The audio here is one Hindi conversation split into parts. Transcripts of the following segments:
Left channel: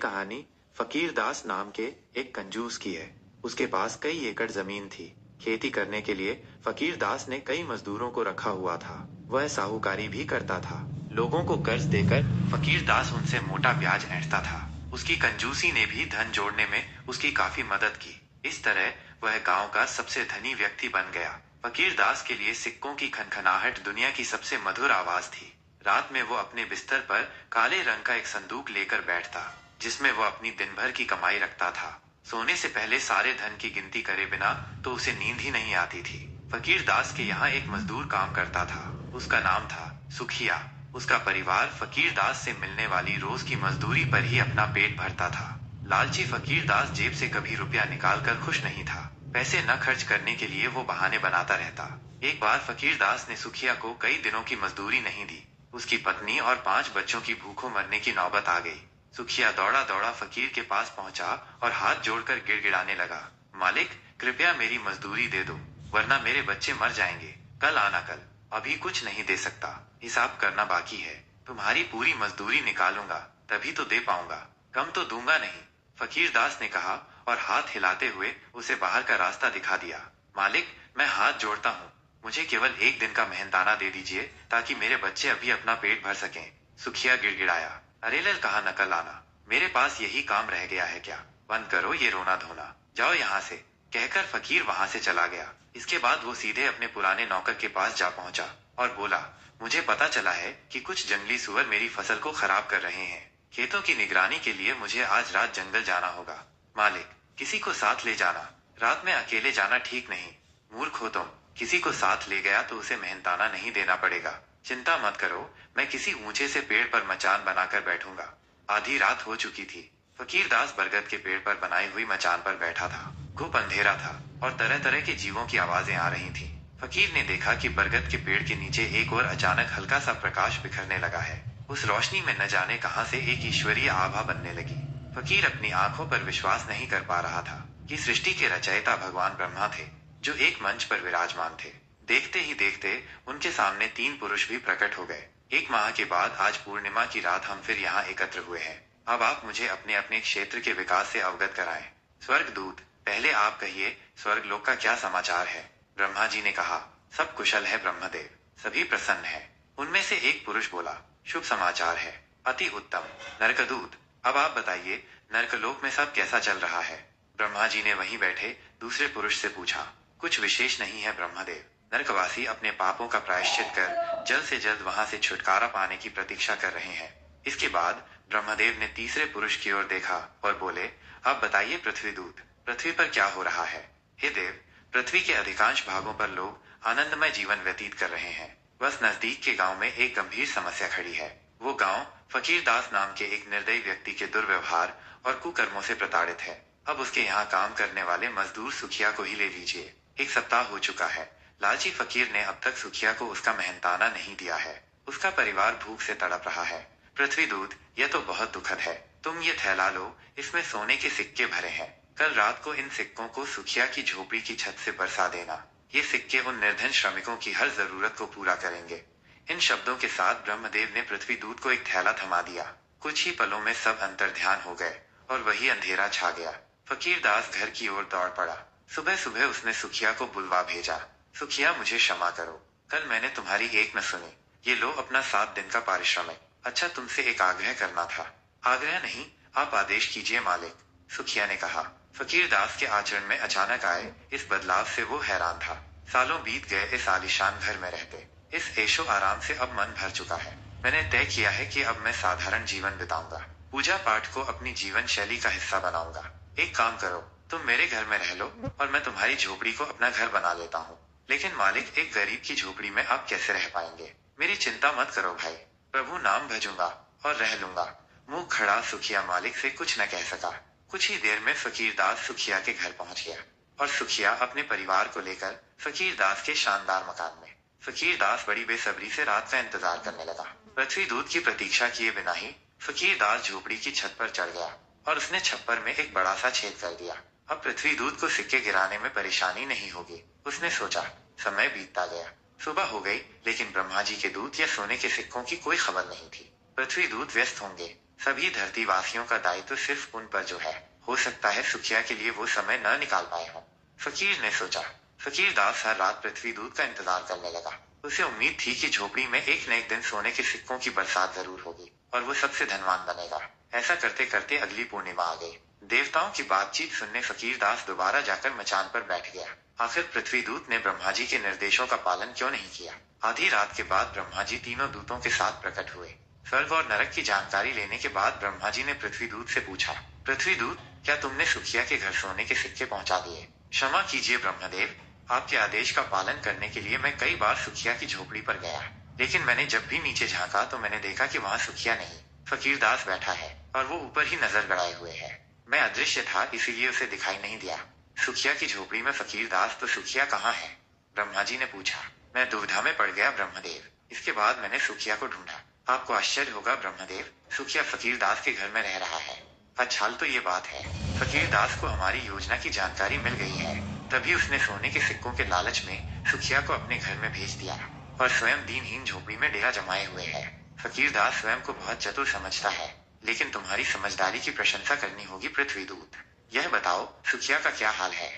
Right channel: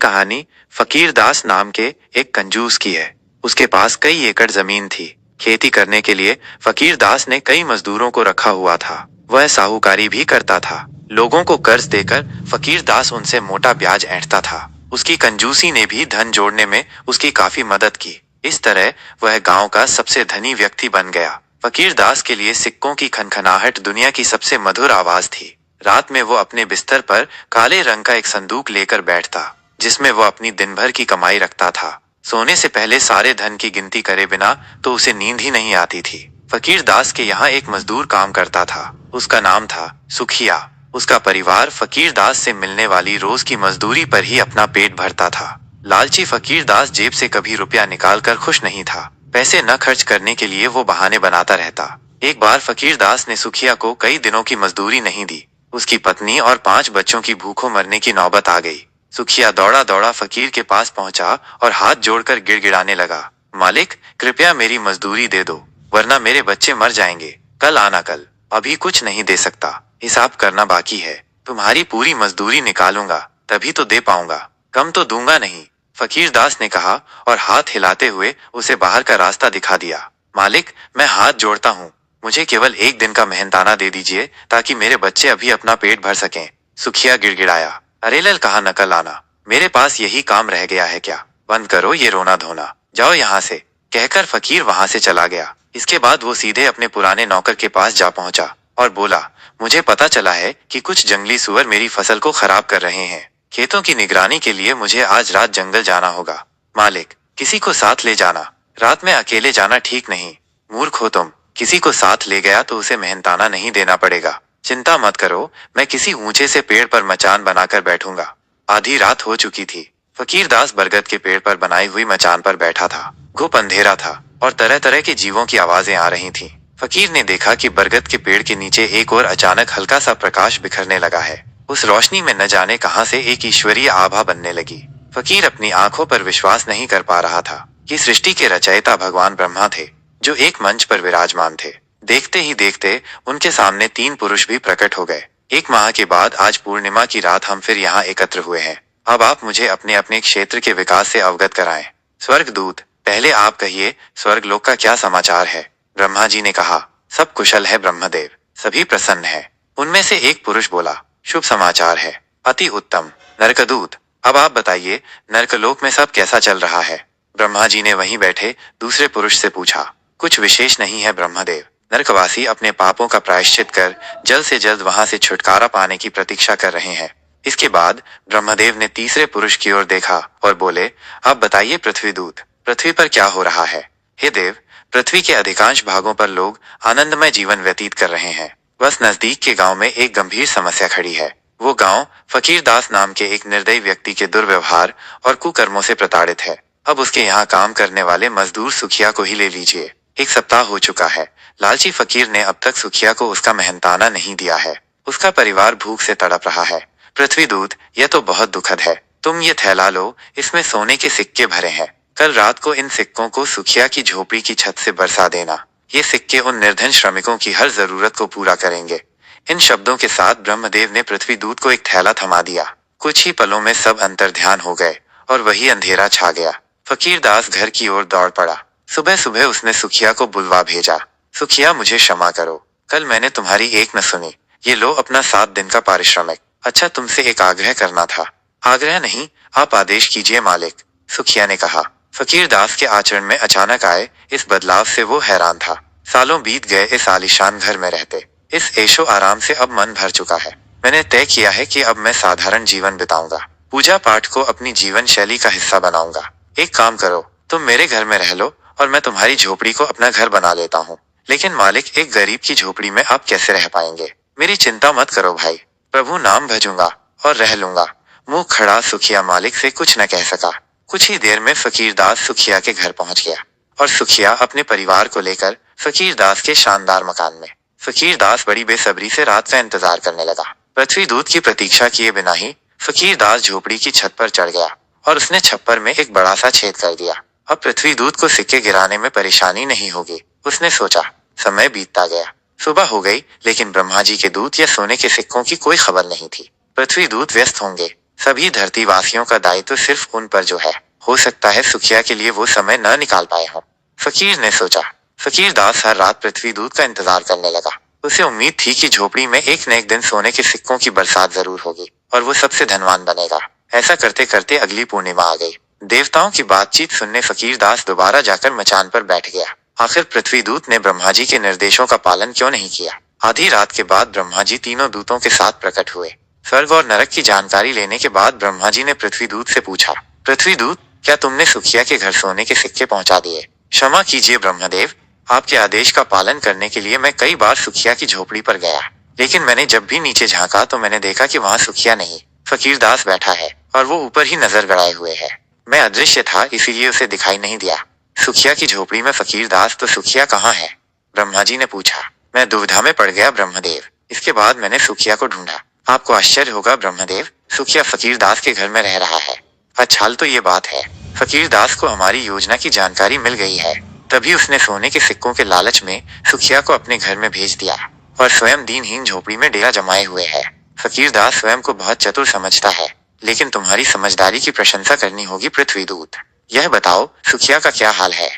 कहानी फकीर दास नाम के एक कंजूस की है। उसके पास कई एकड़ जमीन थी। खेती करने के लिए फकीर दास ने कई मजदूरों को रखा हुआ था। वह साहूकारी भी करता था। लोगों को कर्ज देकर फकीर दास उनसे मोटा ब्याज ऐंठता था। उसकी कंजूसी ने भी धन जोड़ने में उसकी काफी मदद की। इस तरह वह गांव का सबसे धनी व्यक्ति बन गया। फकीर दास के लिए सिक्कों की खनखनाहट दुनिया की सबसे मधुर आवाज थी। रात में वो अपने बिस्तर पर काले रंग का एक संदूक लेकर बैठता, जिसमें वो अपनी दिन भर की कमाई रखता था। सोने से पहले सारे धन की गिनती करे बिना तो उसे नींद ही नहीं आती थी। फकीर दास के यहाँ एक मजदूर काम करता था। उसका नाम था सुखिया। उसका परिवार फकीर दास से मिलने वाली रोज की मजदूरी पर ही अपना पेट भरता था। लालची फकीर दास जेब से कभी रुपया निकाल कर खुश नहीं था। पैसे न खर्च करने के लिए वो बहाने बनाता रहता। एक बार फकीर दास ने सुखिया को कई दिनों की मजदूरी नहीं दी। उसकी पत्नी और 5 बच्चों की भूखों मरने की नौबत आ गई। सुखिया दौड़ा दौड़ा फकीर के पास पहुंचा और हाथ जोड़कर गिड़गिड़ाने लगा, मालिक, कृपया मेरी मजदूरी दे दो, वरना मेरे बच्चे मर जाएंगे। कल आना कल, अभी कुछ नहीं दे सकता, हिसाब करना बाकी है। तुम्हारी पूरी मजदूरी निकालूंगा तभी तो दे पाऊंगा, कम तो दूंगा नहीं। फकीर दास ने कहा और हाथ हिलाते हुए उसे बाहर का रास्ता दिखा दिया। मालिक, मैं हाथ जोड़ता हूँ, मुझे केवल एक दिन का मेहनताना दे दीजिए ताकि मेरे बच्चे अभी अपना पेट भर सकें। सुखिया गिड़गिड़ाया, अरे लल, कहाँ नकल आना, मेरे पास यही काम रह गया है क्या? बंद करो ये रोना धोना, जाओ यहाँ से, कहकर फकीर वहां से चला गया। इसके बाद वो सीधे अपने पुराने नौकर के पास जा पहुंचा और बोला, मुझे पता चला है कि कुछ जंगली सुअर मेरी फसल को खराब कर रहे हैं। खेतों की निगरानी के लिए मुझे आज रात जंगल जाना होगा। मालिक, किसी को साथ ले जाना, रात में अकेले जाना ठीक नहीं। मूर्ख हो तुम, किसी को साथ ले गया तो उसे मेहनताना नहीं देना पड़ेगा। चिंता मत करो, मैं किसी ऊंचे से पेड़ पर मचान बनाकर बैठूंगा। आधी रात हो चुकी थी। फकीर दास बरगद के पेड़ पर बनाई हुई मचान पर बैठा था। घुप अंधेरा था और तरह तरह के जीवों की आवाजें आ रही थीं। फकीर ने देखा कि बरगद के पेड़ के नीचे एक और अचानक हल्का सा प्रकाश बिखरने लगा है। उस रोशनी में न जाने कहां से एक ईश्वरीय आभा बनने लगी। फकीर अपनी आंखों पर विश्वास नहीं कर पा रहा था कि सृष्टि के रचयिता भगवान ब्रह्मा थे, जो एक मंच पर विराजमान थे। देखते ही देखते उनके सामने 3 पुरुष भी प्रकट हो गए। 1 माह के बाद आज पूर्णिमा की रात हम फिर यहाँ एकत्र हुए हैं। अब आप मुझे अपने अपने क्षेत्र के विकास से अवगत कराएं। स्वर्गदूत, पहले आप कहिए, स्वर्गलोक का क्या समाचार है? ब्रह्मा जी ने कहा, सब कुशल है ब्रह्मदेव, सभी प्रसन्न है। उनमें से एक पुरुष बोला, शुभ समाचार है, अति उत्तम। नरकदूत, अब आप बताइए, नरकलोक में सब कैसा चल रहा है? ब्रह्मा जी ने वहीं बैठे दूसरे पुरुष से पूछा। कुछ विशेष नहीं है ब्रह्मदेव, नरकवासी अपने पापों का प्रायश्चित कर जल्द से जल्द वहां से छुटकारा पाने की प्रतीक्षा कर रहे हैं। इसके बाद ब्रह्मदेव ने तीसरे पुरुष की ओर देखा और बोले, अब बताइए पृथ्वीदूत, पृथ्वी पर क्या हो रहा है? हे देव, पृथ्वी के अधिकांश भागों पर लोग आनंदमय जीवन व्यतीत कर रहे हैं। बस नजदीक के गांव में एक गंभीर समस्या खड़ी है। वो गांव फकीर दास नाम के एक निर्दयी व्यक्ति के दुर्व्यवहार और कुकर्मों से प्रताड़ित है। अब उसके यहाँ काम करने वाले मजदूर सुखिया को ही ले लीजिए। 1 सप्ताह हो चुका है, लालची फकीर ने अब तक सुखिया को उसका मेहनताना नहीं दिया है। उसका परिवार भूख से तड़प रहा है। पृथ्वीदूत, यह तो बहुत दुखद है। तुम ये थैला लो, इसमें सोने के सिक्के भरे हैं। कल रात को इन सिक्कों को सुखिया की झोपड़ी की छत से बरसा देना। ये सिक्के उन निर्धन श्रमिकों की हर जरूरत को पूरा करेंगे। इन शब्दों के साथ ब्रह्मदेव ने पृथ्वीदूत को एक थैला थमा दिया। कुछ ही पलों में सब अंतर्ध्यान हो गए और वही अंधेरा छा गया। फकीर दास घर की ओर दौड़ पड़ा। सुबह सुबह उसने सुखिया को बुलवा भेजा। सुखिया, मुझे क्षमा करो, कल मैंने तुम्हारी एक न सुनी। ये लो अपना 7 दिन का पारिश्रमिक। अच्छा, तुमसे एक आग्रह करना था। आग्रह नहीं, आप आदेश कीजिए मालिक, सुखिया ने कहा। फकीर दास के आचरण में अचानक आए इस बदलाव से वो हैरान था। सालों बीत गए इस आलीशान घर में रहते। इस ऐशो आराम से अब मन भर चुका है। मैंने तय किया है कि अब मैं साधारण जीवन बिताऊंगा। पूजा पाठ को अपनी जीवन शैली का हिस्सा बनाऊंगा। एक काम करो, तुम मेरे घर में रह लो और मैं तुम्हारी झोपड़ी को अपना घर बना लेता हूँ। लेकिन मालिक, एक गरीब की झोपड़ी में आप कैसे रह पाएंगे? मेरी चिंता मत करो भाई, प्रभु नाम भजूंगा और रह लूंगा। मुंह खड़ा सुखिया मालिक से कुछ न कह सका। कुछ ही देर में फकीर दास सुखिया के घर पहुंच गया और सुखिया अपने परिवार को लेकर फकीर दास के शानदार मकान में। फकीर दास बड़ी बेसब्री से रात का इंतजार करने लगा। पृथ्वीदूत की प्रतीक्षा किए बिना ही फकीर दास झोपड़ी की छत पर चढ़ गया और उसने छप्पर में एक बड़ा सा छेद कर दिया। अब पृथ्वीदूत को सिक्के गिराने में परेशानी नहीं होगी, उसने सोचा। समय बीतता गया। सुबह हो गई, लेकिन ब्रह्मा जी के दूत या सोने के सिक्कों की कोई खबर नहीं थी। पृथ्वीदूत व्यस्त होंगे, सभी धरतीवासियों का दायित्व सिर्फ उन पर जो है। हो सकता है सुखिया के लिए वो समय न निकाल पाए हों। फकीर ने सोचा। फकीर दास हर रात पृथ्वी दूत का इंतजार करने लगा। उसे उम्मीद थी कि झोपड़ी में एक न एक दिन सोने के सिक्कों की बरसात जरूर होगी और वो सबसे धनवान बनेगा। ऐसा करते करते अगली पूर्णिमा आ गई। देवताओं की बातचीत सुनने फकीर दास दोबारा जाकर मचान पर बैठ गया। आखिर पृथ्वी दूत ने ब्रह्मा जी के निर्देशों का पालन क्यों नहीं किया। आधी रात के बाद ब्रह्मा जी तीनों दूतों के साथ प्रकट हुए। स्वर्ग और नरक की जानकारी लेने के बाद ब्रह्मा जी ने पृथ्वी दूत से पूछा, पृथ्वी दूत, क्या तुमने सुखिया के घर सोने के सिक्के पहुंचा दिए? क्षमा कीजिए ब्रह्मदेव, आपके आदेश का पालन करने के लिए मैं कई बार सुखिया की झोपड़ी पर गया, लेकिन मैंने जब भी नीचे झांका तो मैंने देखा कि वहाँ सुखिया नहीं, फकीर दास बैठा है और वो ऊपर ही नजर गड़ाए हुए है। मैं अदृश्य था इसीलिए उसे दिखाई नहीं दिया। सुखिया की झोपड़ी में फकीर दास तो सुखिया कहाँ है? ब्रह्मा जी ने पूछा। मैं दुविधा में पड़ गया ब्रह्मदेव। इसके बाद मैंने सुखिया को ढूंढा। आपको आश्चर्य होगा ब्रह्मदेव, सुखिया फकीर दास के घर में रह रहा है। अच्छा तो ये बात है, फकीर दास को हमारी योजना की जानकारी मिल गई है, तभी उसने सोने के सिक्कों के लालच में सुखिया को अपने घर में भेज दिया और स्वयं दीनहीन झोपड़ी में डेरा जमाए हुए है। फकीर दास स्वयं को बहुत चतुर समझता है, लेकिन तुम्हारी समझदारी की प्रशंसा करनी होगी पृथ्वी दूत। यह बताओ सुखिया का क्या हाल है?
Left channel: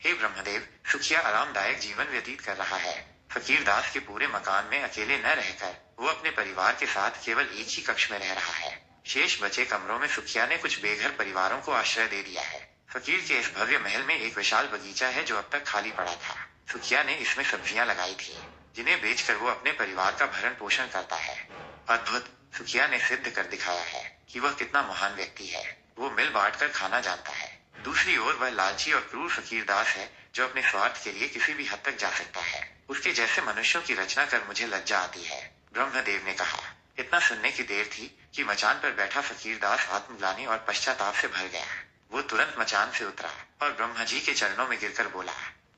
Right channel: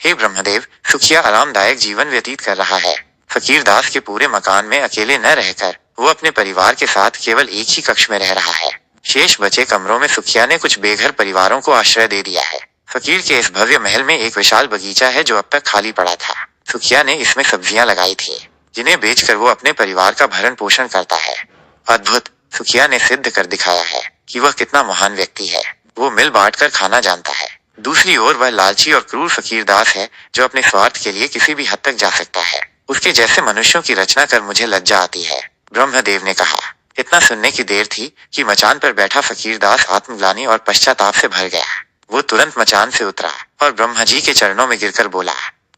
हे ब्रह्मदेव, सुखिया आरामदायक जीवन व्यतीत कर रहा है। फकीर दास के पूरे मकान में अकेले न रहकर वो अपने परिवार के साथ केवल एक ही कक्ष में रह रहा है। शेष बचे कमरों में सुखिया ने कुछ बेघर परिवारों को आश्रय दे दिया है। फकीर के इस भव्य महल में एक विशाल बगीचा है जो अब तक खाली पड़ा था। सुखिया ने इसमें सब्जियां लगाई थी, जिन्हें बेचकर वो अपने परिवार का भरण पोषण करता है। अद्भुत, सुखिया ने सिद्ध कर दिखाया है कि वह कितना महान व्यक्ति है। वो मिल बांट कर खाना जानता है। दूसरी ओर वह लालची और क्रूर फकीर दास है जो अपने स्वार्थ के लिए किसी भी हद तक जा सकता है। उसके जैसे मनुष्यों की रचना कर मुझे लज्जा आती है, ब्रह्मदेव ने कहा। इतना सुनने की देर थी कि मचान पर बैठा फकीर दास आत्मग्लानि और पश्चाताप से भर गया। वो तुरंत मचान से उतरा और ब्रह्मा जी के चरणों में गिरकर बोला,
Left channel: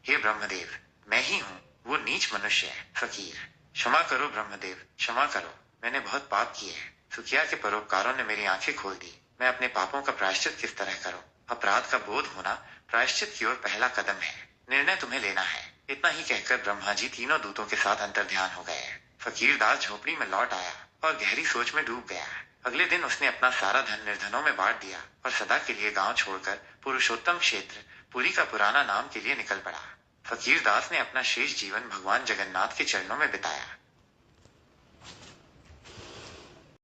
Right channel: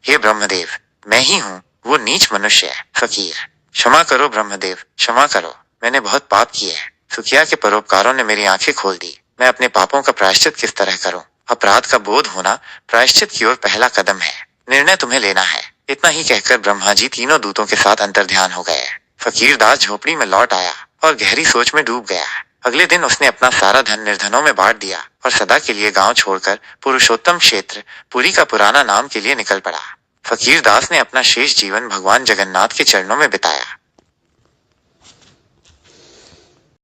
हे ब्रह्मदेव, मैं ही हूँ वो नीच मनुष्य फकीर। क्षमा करो ब्रह्मदेव, क्षमा करो, मैंने बहुत पाप किए हैं। सुखिया के परोपकारों ने मेरी आंखें खोल दी। मैं अपने पापों का प्रायश्चित किस तरह करूं? अपराध का बोध होना प्रायश्चित की ओर पहला कदम है। निर्णय तुम्हें लेना है। इतना ही कहकर ब्रह्मा जी तीनों दूतों के साथ अंतर्ध्यान हो गए। फकीर दास झोपड़ी में लौट आया और गहरी सोच में डूब गया। अगले दिन उसने अपना सारा धन निर्धनों में बांट दिया और सदा के लिए गांव छोड़कर पुरुषोत्तम क्षेत्र पुरी का पुराना नाम के लिए निकल पड़ा। फकीर दास ने अपना शेष जीवन भगवान जगन्नाथ के चरणों में बिताया।